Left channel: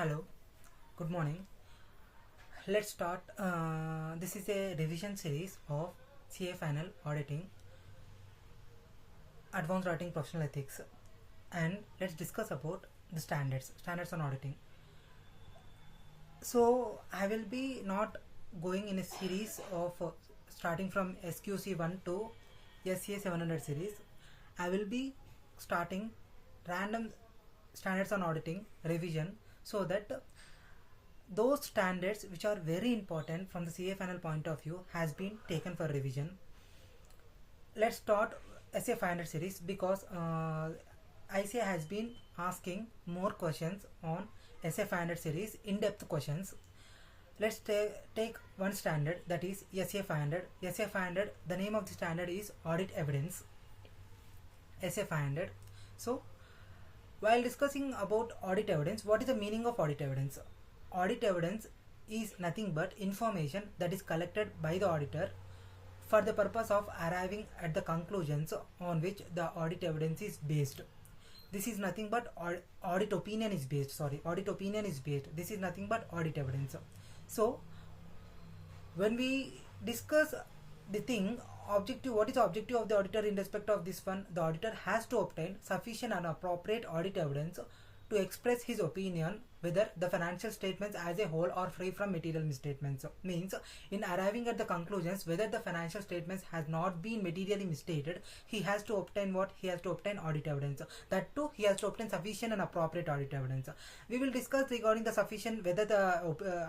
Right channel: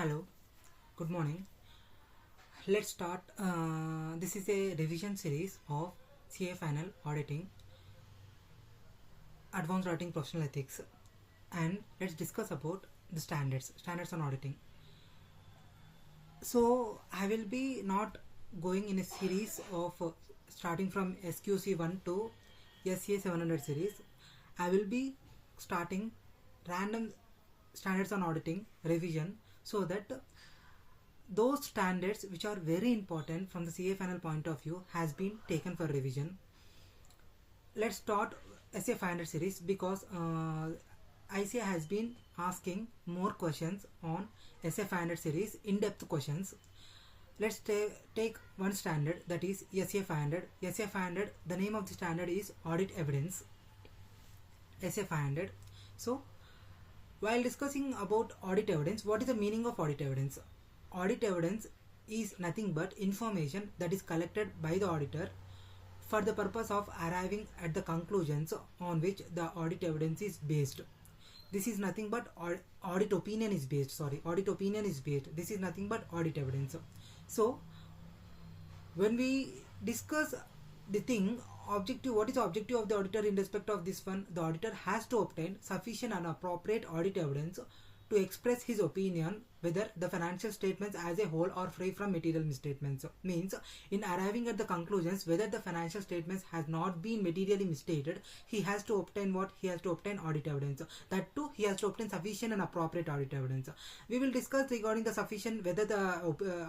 Hello, good morning. Let's start. This is a revision series of CA Final Auditing, Advanced Auditing Professional Ethics, and let's discuss about the standards on auditing. So I will be not going in a series of starting from SQC 1 to SCA 700 series. I will be starting random standards on auditing revision so that those standards which are very important from the CA final point of view has been taken for revision. Let's start SA 500 series because ICA has been asking more questions on SA 500 series, in-depth questions. Let's take one standard, that is SA 500. SA 500, the name of the standard is Audit Evidence. SA 500. So while discussing about audit evidence, what is the meaning of audit evidence? Audit evidence is nothing but information that is collected by the auditor for the purpose of arriving at the conclusions on which the audit evidence is based. This is nothing but audit opinion is based. Audit opinion is based. This is nothing but audit evidence. So when we discuss the thing, objective, what is the objective of the auditor in respect of this one? The auditor has to obtain sufficient and appropriate audit evidence to express his opinion whether the financial statements as a whole are free from material misstatements. Means in arriving at the conclusions whether the financial statements has not been materially misstated, he has to obtain what? He has to obtain audit evidence. That too, he has to obtain sufficient and appropriate audit evidence. We will discuss regarding the sufficient, whether the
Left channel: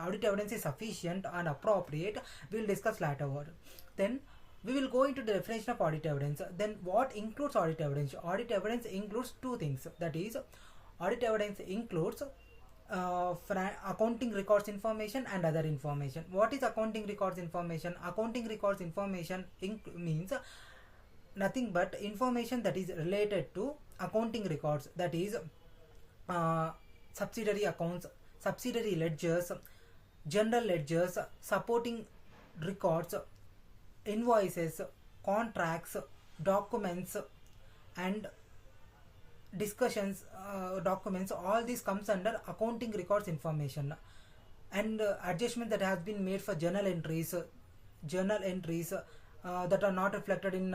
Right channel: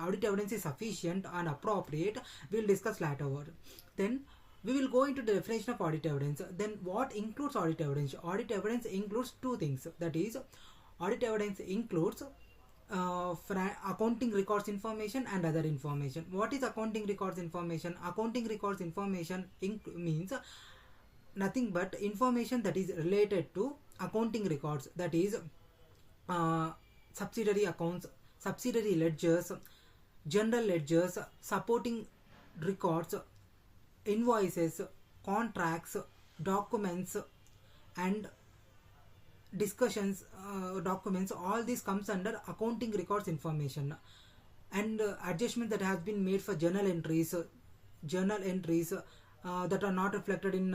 audit evidence is sufficient and appropriate. We will discuss later. Then we will go into the definition of audit evidence. Then what includes audit evidence? Audit evidence includes two things, that is audit evidence includes accounting records information and other information. What is accounting records information? Accounting records information means nothing but information that is related to accounting records, that is subsidiary accounts, subsidiary ledgers, general ledgers, supporting records, invoices, contracts, documents, and discussions, documents. All this comes under accounting records information. And adjustment that has been made for journal entries that are not reflected in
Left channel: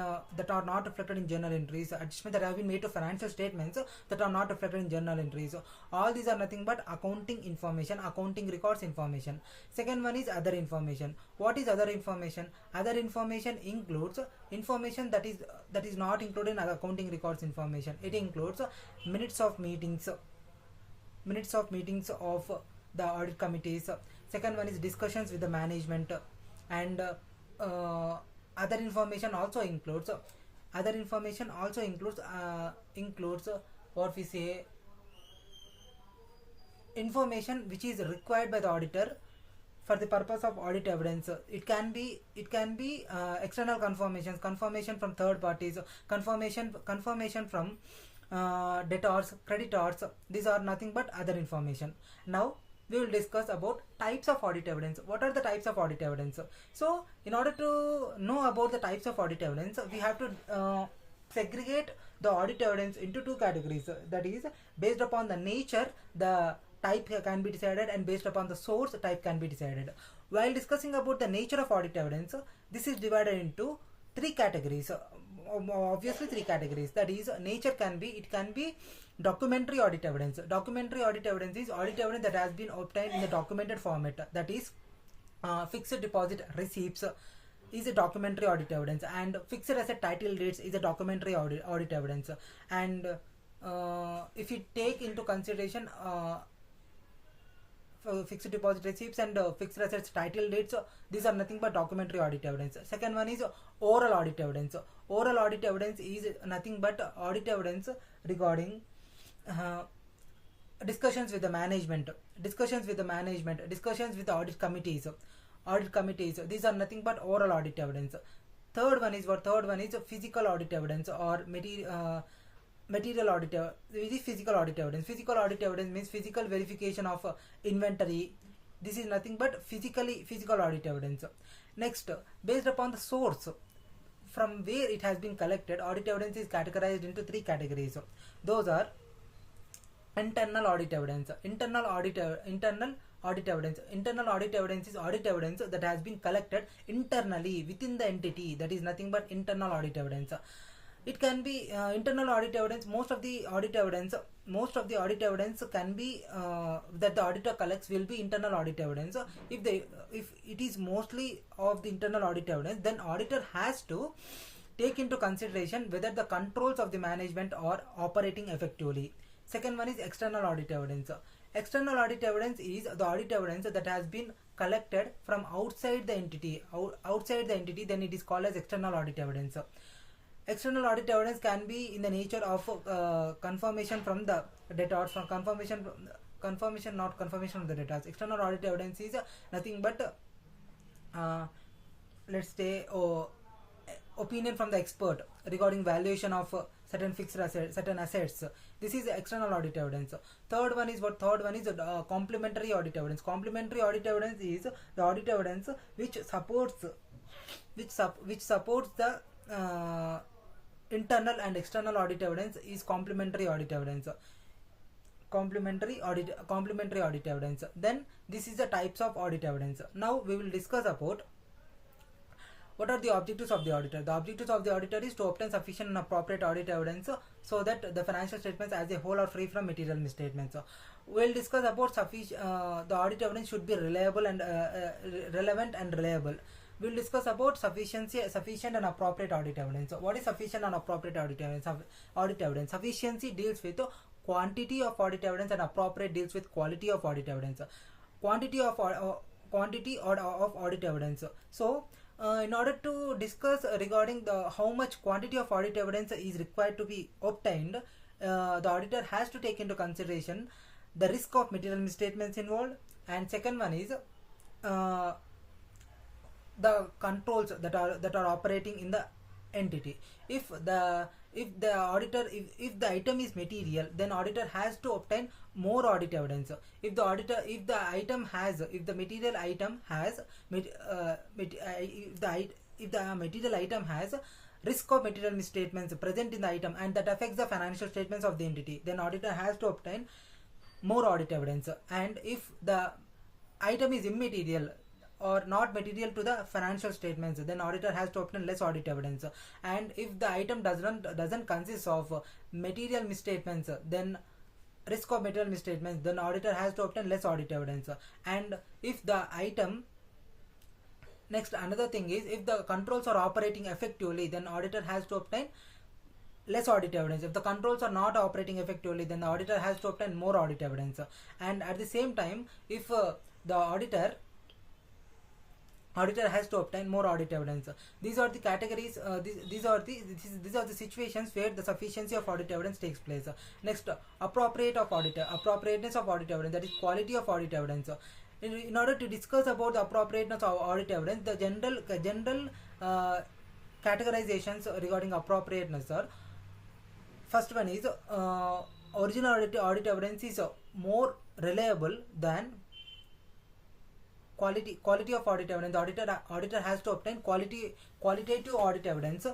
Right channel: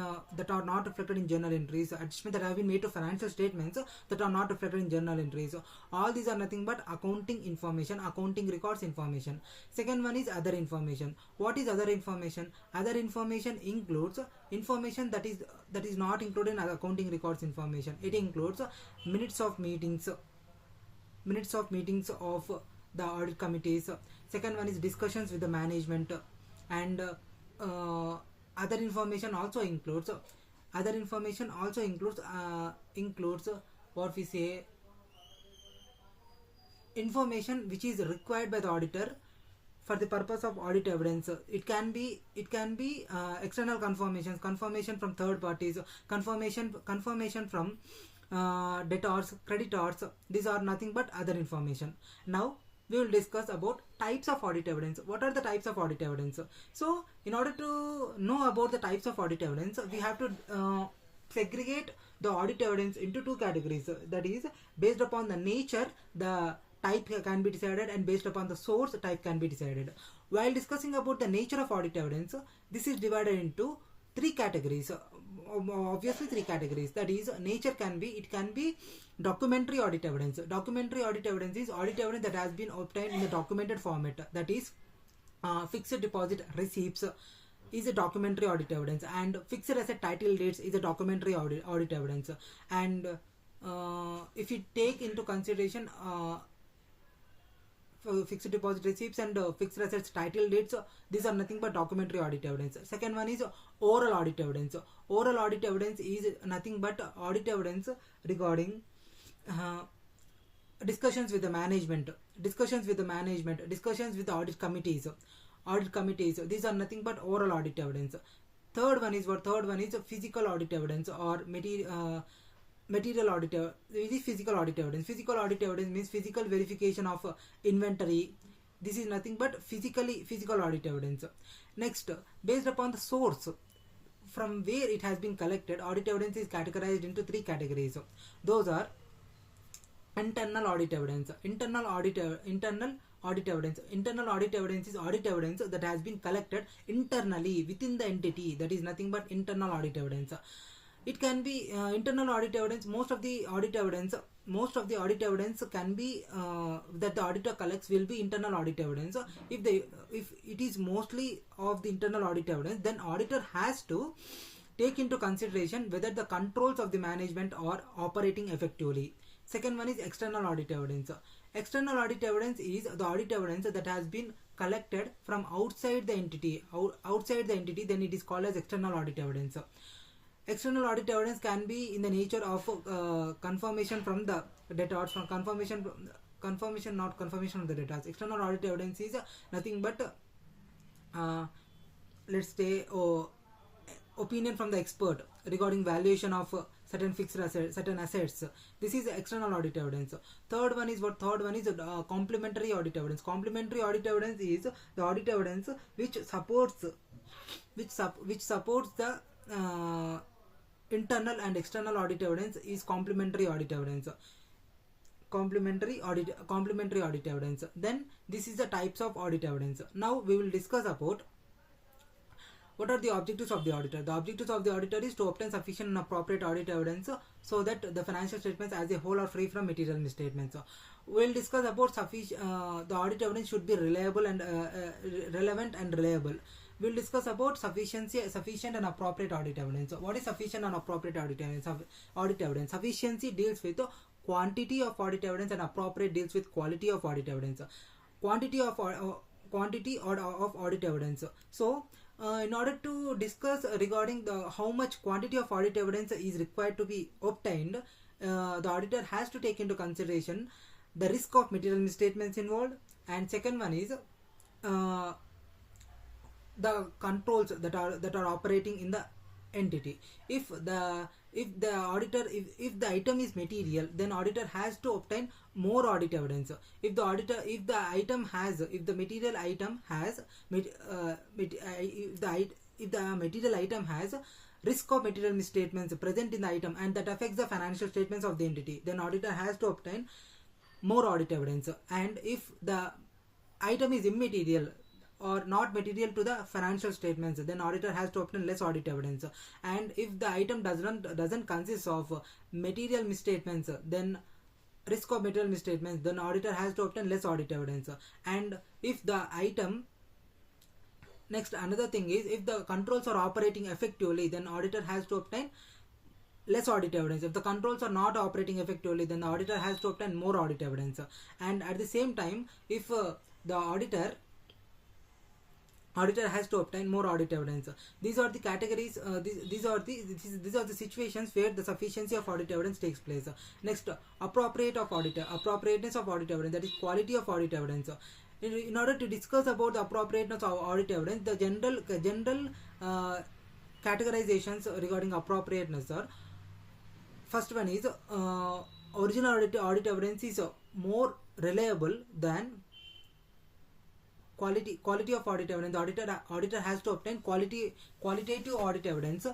journal entries, adjustment that have been made to financial statements that are not reflected in journal entries. All these are nothing but accounting information, accounting records information. Second one is other information. What is other information? Other information includes information that is not included in accounting records information. It includes minutes of meetings of the audit committees. Second one is discussions with the management. And other information also includes what we say, information which is required by the auditor for the purpose of audit evidence. It can be external confirmation from third parties, confirmation from debtors, creditors. These are nothing but other information. Now we will discuss about types of audit evidence. What are the types of audit evidence? So in order to know about the types of audit evidence, we have to segregate the audit evidence into two categories. That is, based upon the nature, the type can be decided, and based upon the source, type can be decided. While discussing about the nature of audit evidence, this is divided into three categories. Obviously three categories. That is, nature can be documentary audit evidence. Documentary audit evidence is audit evidence that has been obtained in the documented format. That is, fixed deposit receipts is a documentary audit evidence, and fixed asset title deeds is a documentary audit evidence. And if you take into consideration fixed deposit receipts and fixed assets title deeds, these are nothing but documentary audit evidence. Second one is oral audit evidence. Oral audit evidence is nothing but audit evidence regarding discussions with the management, discussions with the audit committees. These are nothing but oral audit evidence. Third one is physical audit evidence or material audit. This is physical audit evidence. Physical audit evidence means physical verification of inventory. This is nothing but physical audit evidence. Next, based upon the source from where it has been collected, audit evidence is categorized into three categories. Those are Internal audit evidence. Internal audit evidence. Internal audit evidence is audit evidence that has been collected internally within the entity. That is nothing but internal audit evidence. It can be internal audit evidence. Most of the audit evidence can be that the auditor collects will be internal audit evidence. If it is mostly of the internal audit evidence, then auditor has to take into consideration whether the controls of the management are operating effectively. Second one is external audit evidence. External audit evidence is the audit evidence that has been collected from outside the entity. Then it is called as external audit evidence. External audit evidence can be in the nature of confirmation from the debtors, from confirmation of the debtors. External audit evidence is nothing but let's say opinion from the expert regarding valuation of certain fixed assets, certain assets. This is external audit evidence. Third one is complementary audit evidence. Complementary audit evidence is the audit evidence which supports the internal and external audit evidence is complementary audit evidence. Complementary audit evidence. Then this is the types of audit evidence. Now we will discuss about what are the objectives of the auditor. The objectives of the auditor is to obtain sufficient and appropriate audit evidence so that the financial statements as a whole are free from material misstatements. We will discuss about the audit evidence should be reliable and relevant and reliable. We will discuss about sufficient and appropriate audit evidence. What is sufficient and appropriate audit evidence? Sufficiency deals with quantity of audit evidence and appropriate deals with quality of audit evidence. Quantity of audit evidence. So in order to discuss regarding how much quantity of audit evidence is required to be obtained, the auditor has to take into consideration the risk of material misstatements involved, and second one is the controls that are operating in the entity. If the item is material, then auditor has to obtain more audit evidence. If the material item has risk of material misstatements present in the item and that affects the financial statements of the entity, then auditor has to obtain more audit evidence. And if the item is immaterial or not material to the financial statements, then auditor has to obtain less audit evidence. And if the item doesn't consist of material misstatements, then risk of material misstatements, then auditor has to obtain less audit evidence. And if the item another thing is, if the controls are operating effectively, then auditor has to obtain less audit evidence. If the controls are not operating effectively, then the auditor has to obtain more audit evidence. And at the same time, if the auditor has to obtain more audit evidence. These are the categories. These are the situations where the sufficiency of audit evidence takes place. Next, appropriateness of audit evidence. That is quality of audit evidence. In order to discuss about the appropriateness of audit evidence, the general categorizations regarding appropriateness are: first one is original audit evidence is more reliable than quality of audit evidence. The auditor has to obtain qualitative audit evidence,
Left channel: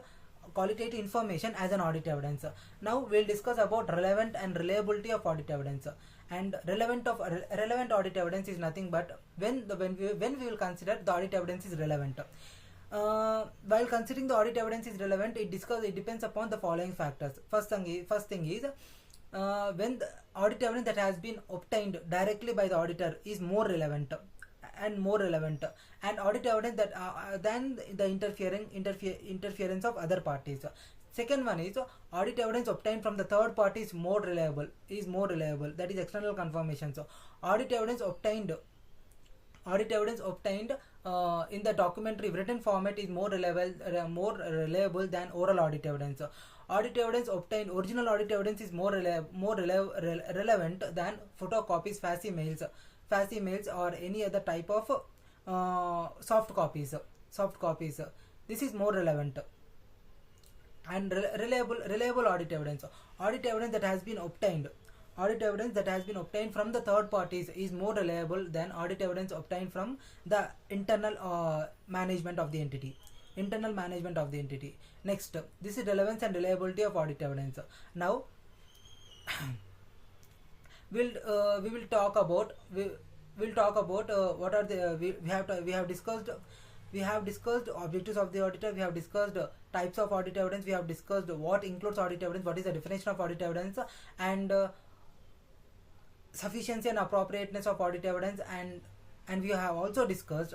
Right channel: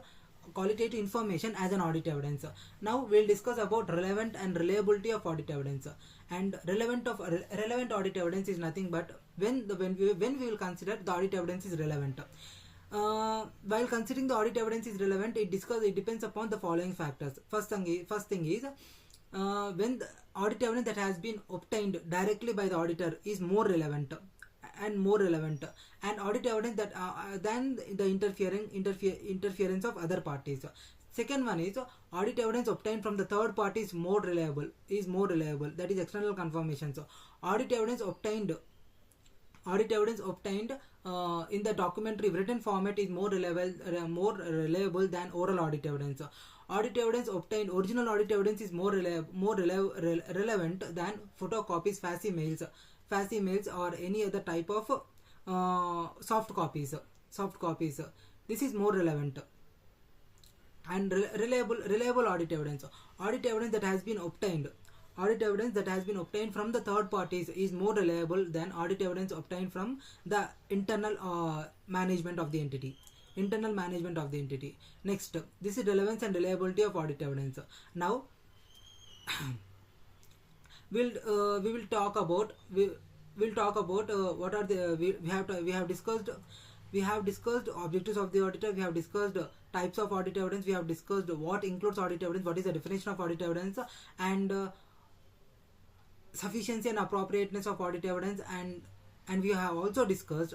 qualitative information as an audit evidence. Now we'll discuss about relevant and reliability of audit evidence. And relevant audit evidence is nothing but when we will consider the audit evidence is relevant. While considering the audit evidence is relevant, it depends upon the following factors. First thing is when the audit evidence that has been obtained directly by the auditor is more relevant, and audit evidence that than the interference of other parties. Second one is audit evidence obtained from the third party is more reliable. That is external confirmation. So audit evidence obtained in the documentary written format is more reliable than oral audit evidence. Original audit evidence is more relevant than photocopies, facsimiles or any other type of soft copies. This is more relevant. And reliable audit evidence that has been obtained from the third parties is more reliable than audit evidence obtained from the internal management of the entity. Next, this is relevance and reliability of audit evidence. Now we will talk about we'll talk about what are the we have discussed objectives of the auditor. We have discussed types of audit evidence. We have discussed what includes audit evidence, what is the definition of audit evidence, and sufficiency and appropriateness of audit evidence, and we have also discussed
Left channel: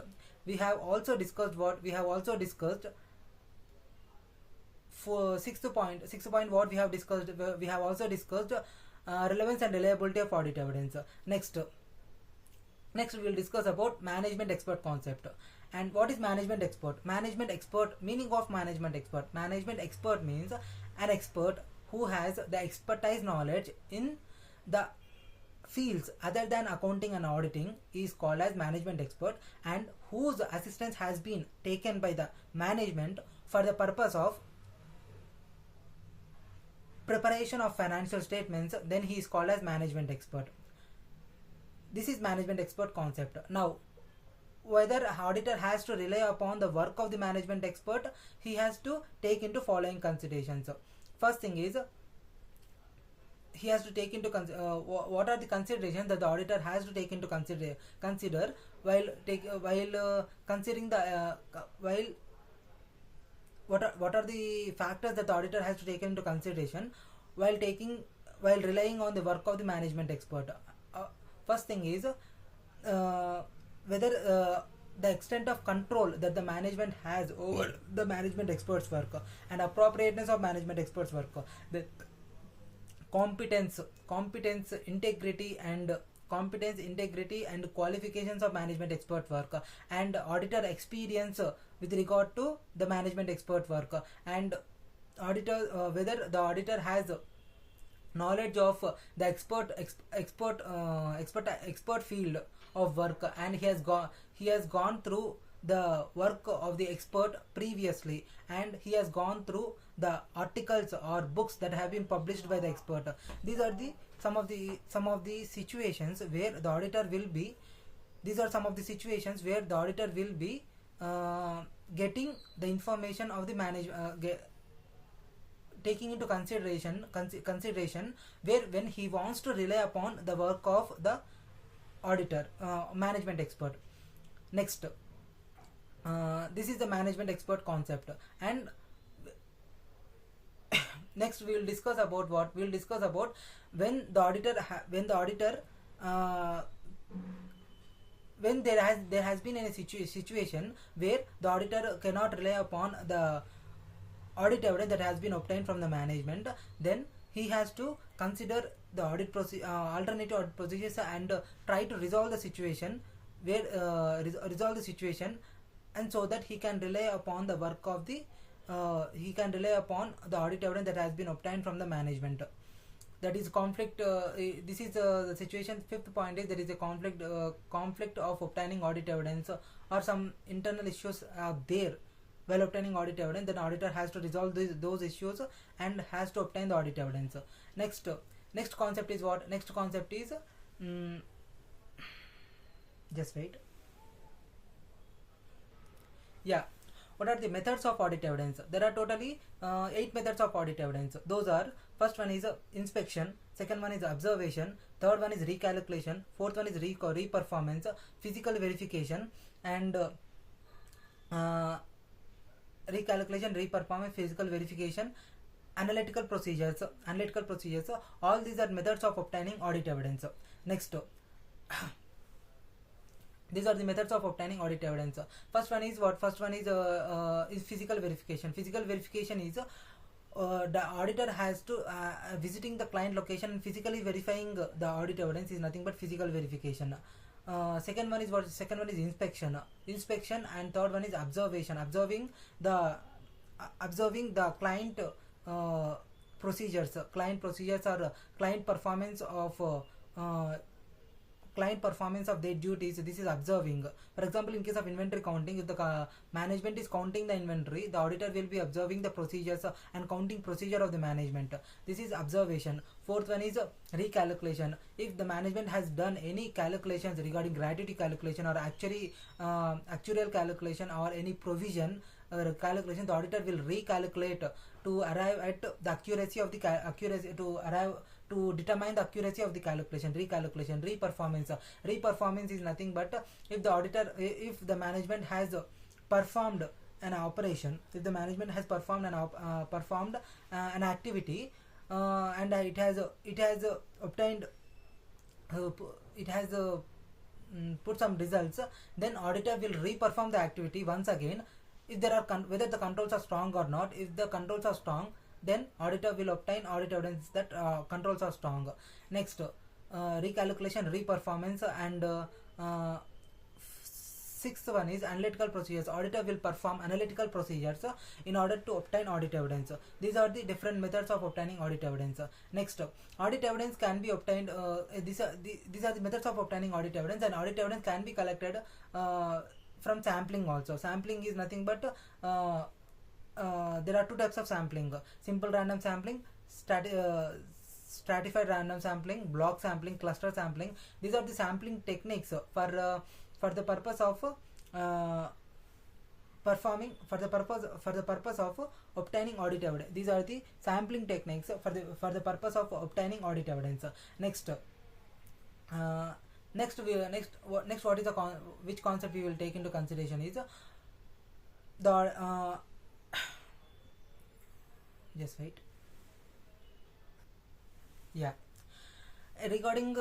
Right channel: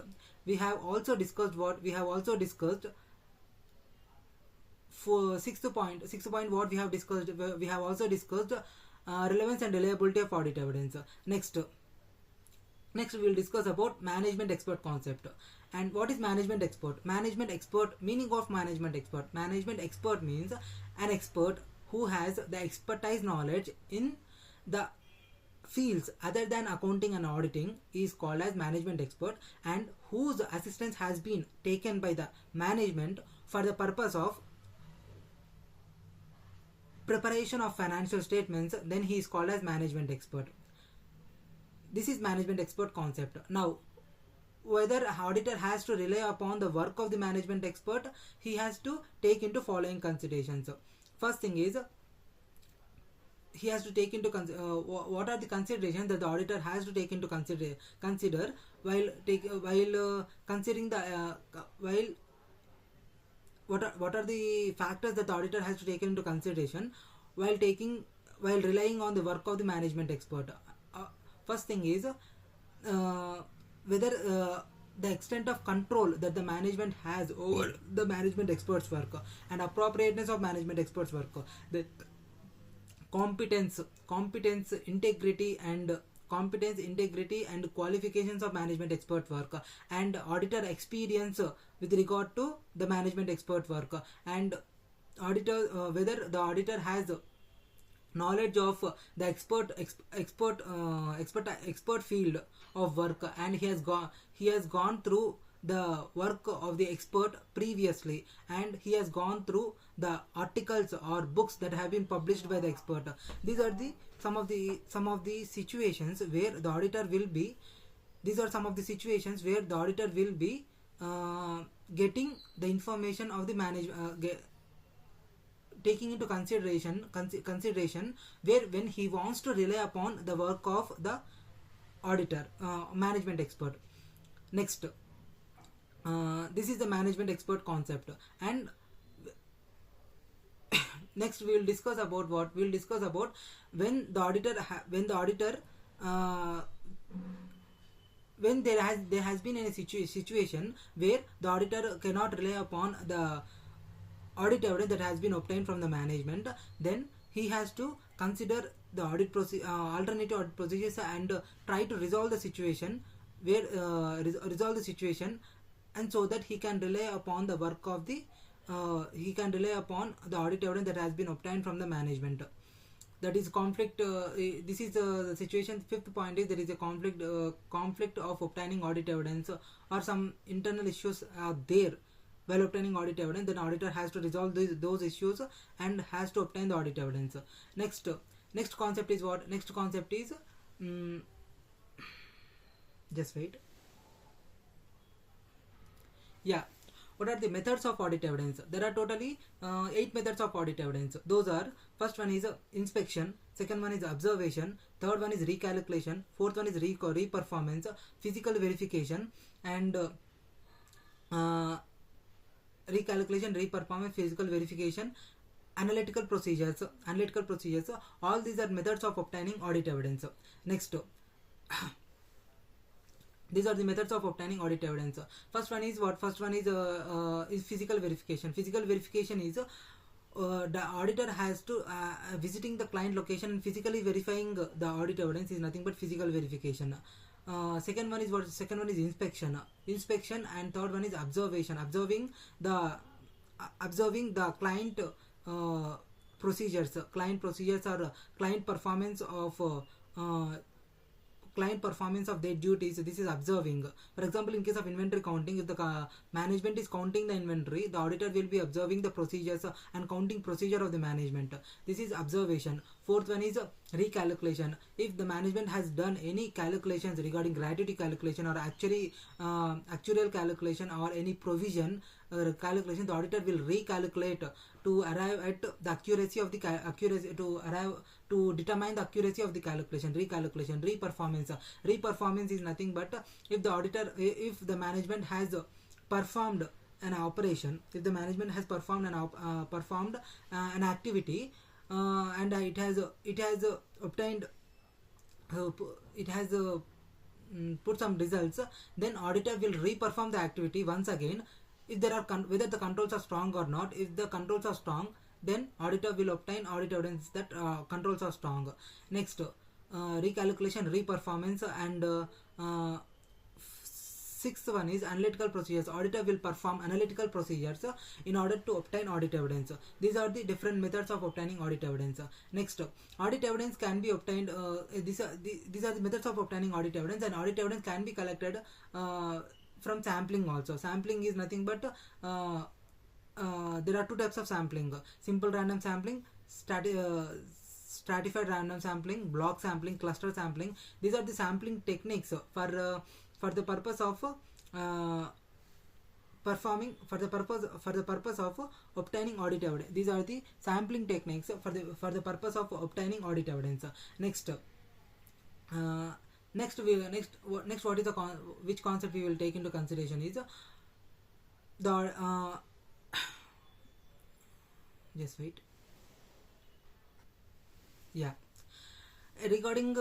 for sixth point what we have discussed. We have also discussed relevance and reliability of audit evidence. Next we will discuss about management expert concept. And what is management expert? Meaning of management expert. Management expert means an expert who has the expertise knowledge in the fields other than accounting and auditing is called as management expert, and whose assistance has been taken by the management for the purpose of preparation of financial statements, then he is called as management expert. This is management expert concept. Now, whether an auditor has to rely upon the work of the management expert, he has to take into following considerations. First thing is, he has to take into what are the considerations that the auditor has to take into consider while considering the what are the factors that the auditor has to take into consideration while relying on the work of the management expert. First thing is whether the extent of control that the management has over the management expert's work and appropriateness of management expert's work, the competence, integrity and qualifications of management expert work, and auditor experience with regard to the management expert work, and whether the auditor has knowledge of the expert field of work, and he has gone through the work of the expert previously, and he has gone through the articles or books that have been published by the expert. These are some of the situations where the auditor will be. These are some of the situations where the auditor will be getting the information of the taking into consideration where when he wants to rely upon the work of the auditor, management expert. Next, this is the management expert concept, and next we will discuss about what we will discuss about when there has been a situation where the auditor cannot rely upon the audit evidence that has been obtained from the management. Then he has to consider the alternative audit procedures and try to resolve the situation and so that he can rely upon the work of the audit evidence that has been obtained from the management. That is conflict. This is the situation. Fifth point is there is a conflict of obtaining audit evidence, or some internal issues are there while obtaining audit evidence. Then auditor has to resolve those issues and has to obtain the audit evidence. Next concept is what? Next concept is just wait. Yeah. What are the methods of audit evidence? There are totally 8 methods of audit evidence. Those are: first one is inspection, second one is observation, third one is recalculation, fourth one is reperformance, physical verification, and recalculation, reperformance, physical verification, analytical procedures. All these are methods of obtaining audit evidence. Next, these are the methods of obtaining audit evidence. First one is what? First one is physical verification. Physical verification is the auditor has to visiting the client location and physically verifying the audit evidence is nothing but physical verification. Second one is what? Second one is inspection, and third one is observation. Observing the client procedures. Client procedures are client performance of their duties. This is observing. For example, in case of inventory counting, if the management is counting the inventory, the auditor will be observing the procedures and counting procedure of the management. This is observation. Fourth one is recalculation. If the management has done any calculations regarding gratuity calculation or actuarial calculation or any provision calculation, the auditor will recalculate to arrive at the accuracy of the to determine the accuracy of the calculation, recalculation, reperformance. Reperformance is nothing but if the management has performed an operation, if the management has performed an activity, and it has obtained it has put some results, then auditor will reperform the activity once again. If there are whether the controls are strong or not. If the controls are strong, then auditor will obtain audit evidence that controls are strong. Next, recalculation, reperformance, and sixth one is analytical procedures. Auditor will perform analytical procedures in order to obtain audit evidence. These are the different methods of obtaining audit evidence. Next, audit evidence can be obtained. These are the methods of obtaining audit evidence, and audit evidence can be collected from sampling also. Sampling is nothing but there are two types of sampling: simple random sampling, stratified random sampling, block sampling, cluster sampling. These are the sampling techniques for the purpose of obtaining audit evidence. These are the sampling techniques for the purpose of obtaining audit evidence. Next, what is which concept we will take into consideration is the just wait. Yeah, regarding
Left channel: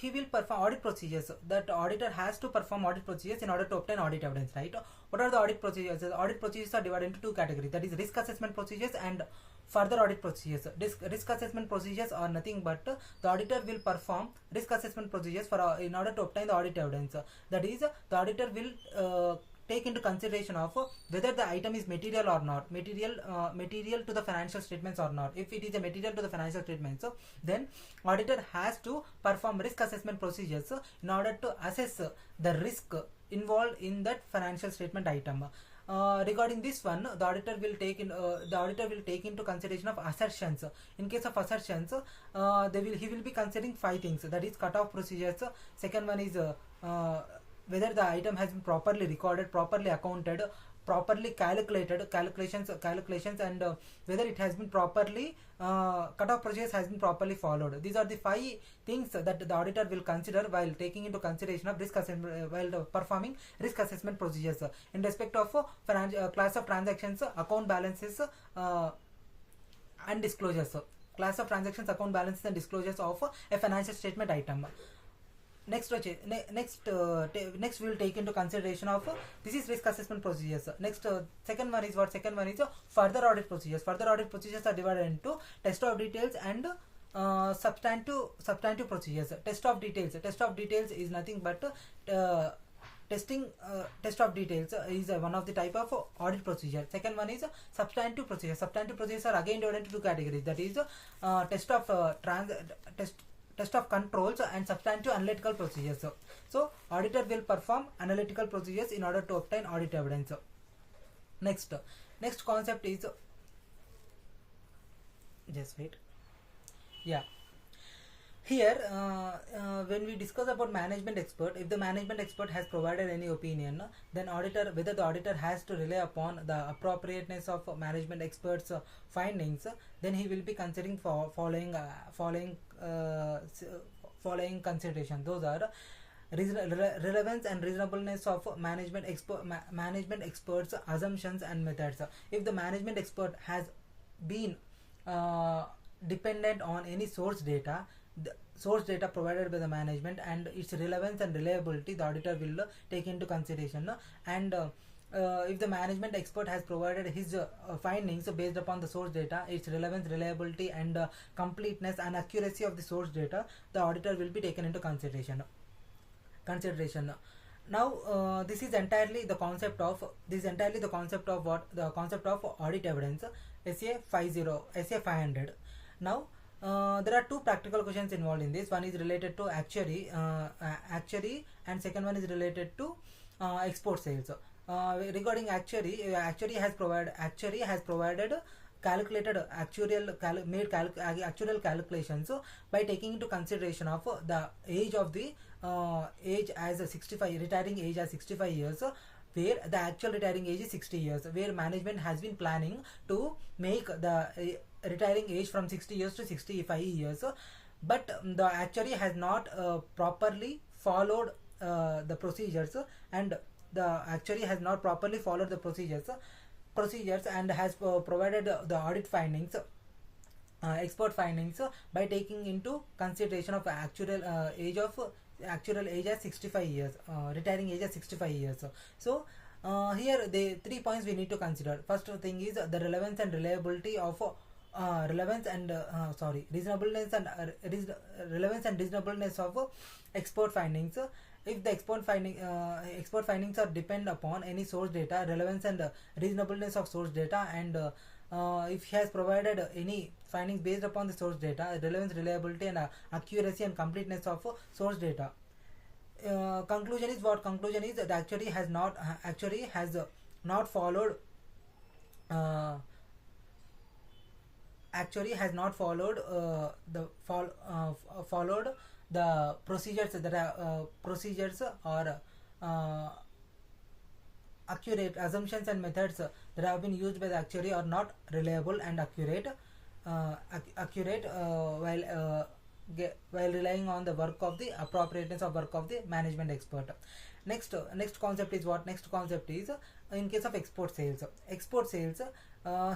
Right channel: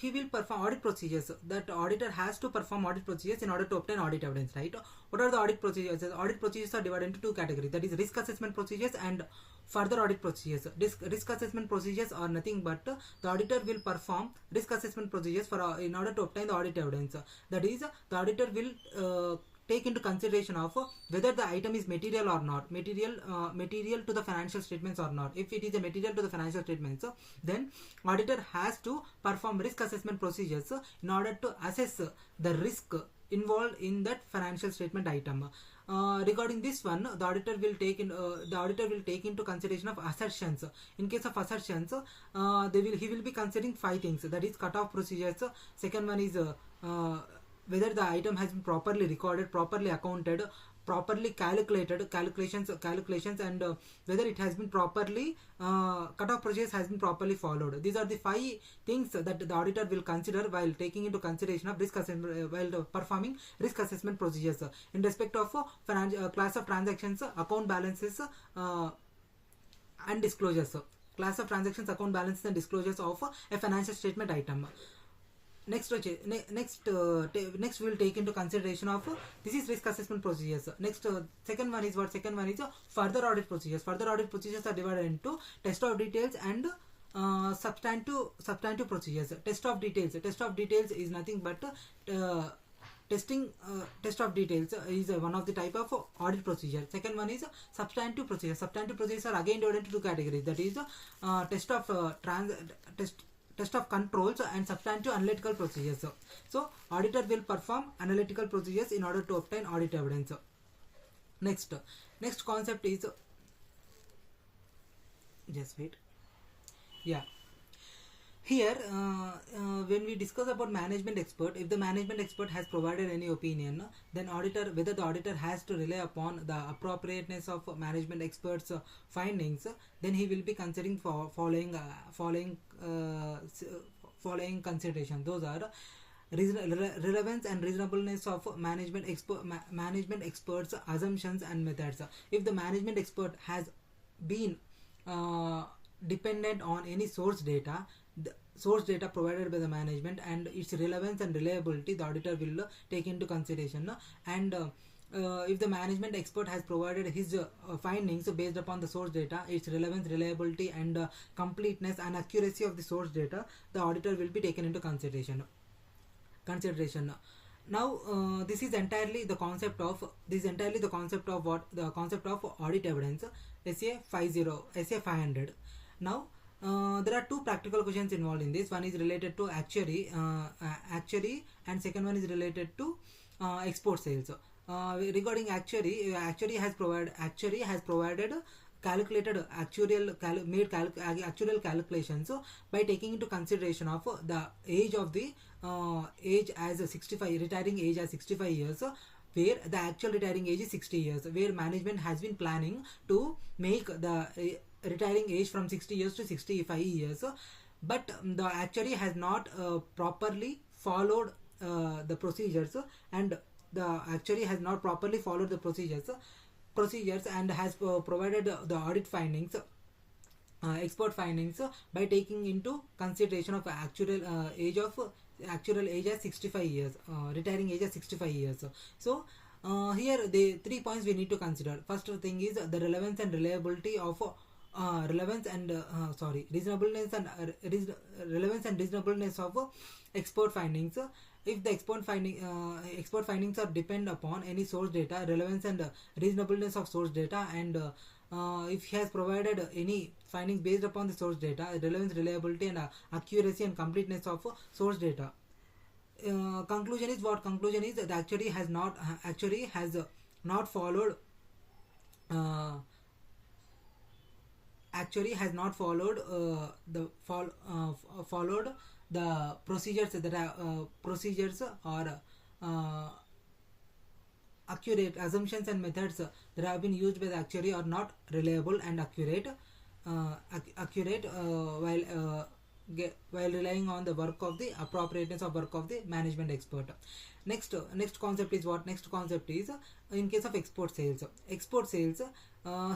he will perform audit procedures. That auditor has to perform audit procedures in order to obtain audit evidence, right? What are the audit procedures? Audit procedures are divided into two categories, that is risk assessment procedures and further audit procedures. Risk assessment procedures are nothing but the auditor will perform risk assessment procedures in order to obtain the audit evidence. That is, the auditor will take into consideration of whether the item is material or not, material to the financial statements or not. If it is a material to the financial statements, then auditor has to perform risk assessment procedures in order to assess the risk involved in that financial statement item. Regarding this one, the auditor will take into consideration of assertions. In case of assertions, he will be considering 5 things, that is cutoff procedures. Second one is whether the item has been properly recorded, properly accounted, properly calculations, and whether it has been properly cutoff procedures has been properly followed. These are the 5 things that the auditor will consider while taking into consideration of risk assessment, while performing risk assessment procedures in respect of class of transactions, account balances, and disclosures. Class of transactions, account balances, and disclosures of a financial statement item. Next we will take into consideration of this is risk assessment procedures. Next, second one is further audit procedures. Further audit procedures are divided into test of details and substantive procedures. Test of details is nothing but test of details is one of the type of audit procedure. Second one is substantive procedures. Substantive procedures are again divided into two categories, that is test of controls and substantive analytical procedures. So auditor will perform analytical procedures in order to obtain audit evidence. Next concept is just wait. Yeah, here when we discuss about management expert, if the management expert has provided any opinion, then whether the auditor has to rely upon the appropriateness of management experts findings, then he will be considering following consideration. Those are relevance and reasonableness of management experts assumptions and methods. If the management expert has been dependent on any source data provided by the management, and its relevance and reliability, the auditor will take into consideration. And if the management expert has provided his findings based upon the source data, its relevance, reliability, and completeness and accuracy of the source data, the auditor will be taken into consideration. Now this is entirely the concept of audit evidence, SA 500. Now there are two practical questions involved in this. One is related to actuary, and second one is related to export sales. Regarding actuary has provided calculated actuarial calculations by taking into consideration of the age as 65, retiring age as 65 years, where the actual retiring age is 60 years, where management has been planning to make the retiring age from 60 years to 65 years, but the actuary has not properly followed the procedures, and the actuary has not properly followed the procedures and has provided the audit findings, expert findings, by taking into consideration of actual age as 65 years, retiring age as 65 years. So here the 3 points we need to consider. First thing is the relevance and reliability of reasonableness and relevance and reasonableness of expert findings. If the expert findings are depend upon any source data, relevance and reasonableness of source data, and if he has provided any findings based upon the source data, relevance, reliability, and accuracy and completeness of source data. Conclusion is that actuary has not followed the procedures that are or accurate assumptions and methods that have been used by the actuary are not reliable and accurate while relying on the work of the appropriateness of work of the management expert. Next concept is in case of export sales.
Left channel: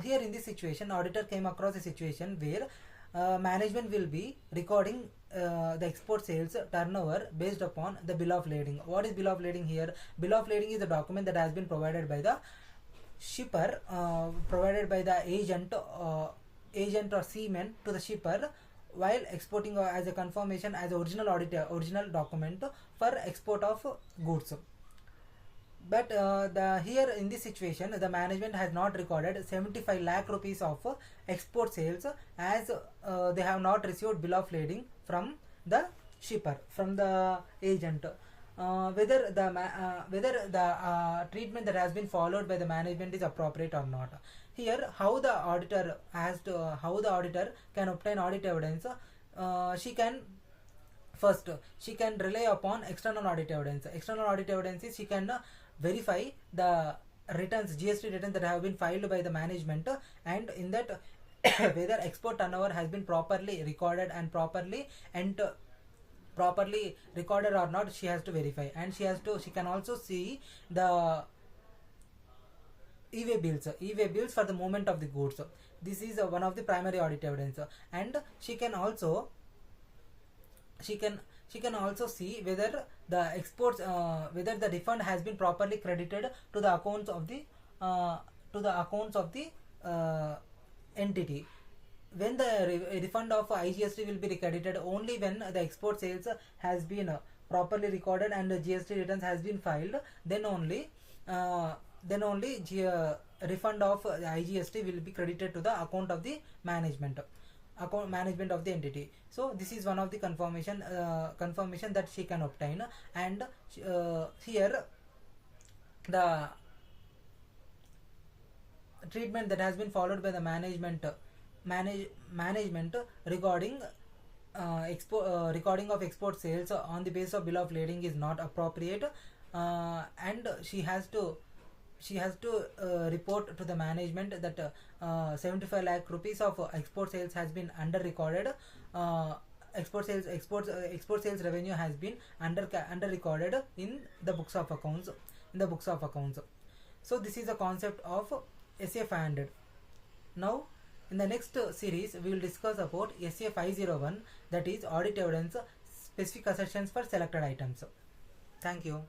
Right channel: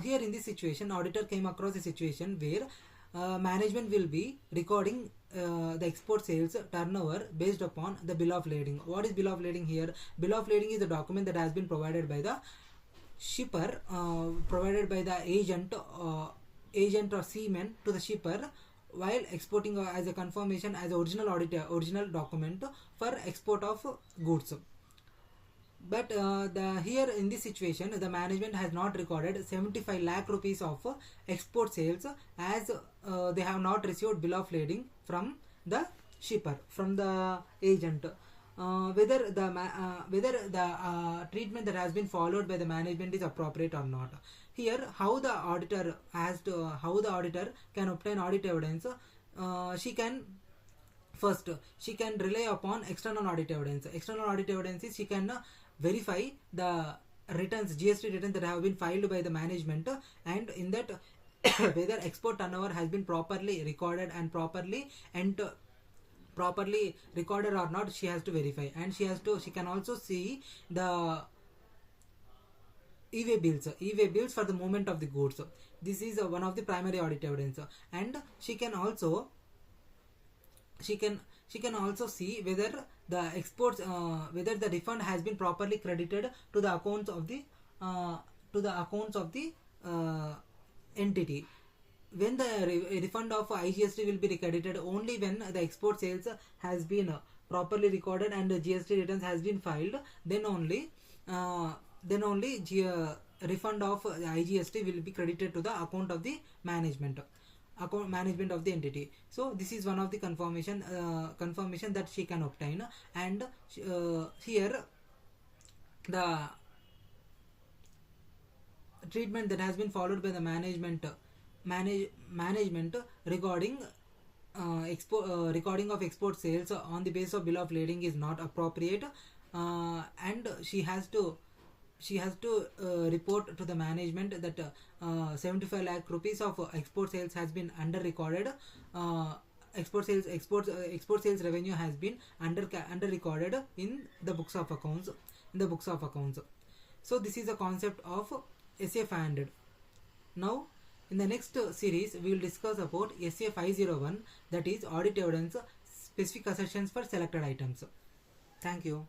Here in this situation, auditor came across a situation where management will be recording the export sales turnover based upon the bill of lading. What is bill of lading here? Bill of lading is a document that has been provided by the shipper, provided by the agent or seaman to the shipper while exporting as a confirmation as original document for export of goods. But here in this situation, the management has not recorded 75 lakh rupees of export sales, as they have not received bill of lading from the shipper, from the agent. Whether the treatment that has been followed by the management is appropriate or not. Here, how the auditor can obtain audit evidence. She can rely upon external audit evidence. External audit evidence is she can verify the returns, GST returns that have been filed by the management, and in that whether export turnover has been properly recorded and properly recorded or not, she has to verify. And she can also see the e-way bills for the movement of the goods. This is one of the primary audit evidence, and she can also see whether the exports whether the refund has been properly credited to the accounts of the entity. When the refund of IGST will be credited only when the export sales has been properly recorded and the GST returns has been filed, then only refund of IGST will be credited to the account of the management of the entity. So this is one of the confirmation that she can obtain. And here the treatment that has been followed by the management regarding recording of export sales on the basis of bill of lading is not appropriate, and she has to report to the management that 75 lakh rupees of export sales has been under recorded. Export sales revenue has been under recorded in the books of accounts. So this is the concept of SA 500. Now in the next series we will discuss about SA 501, that is audit evidence, specific assertions for selected items. Thank you.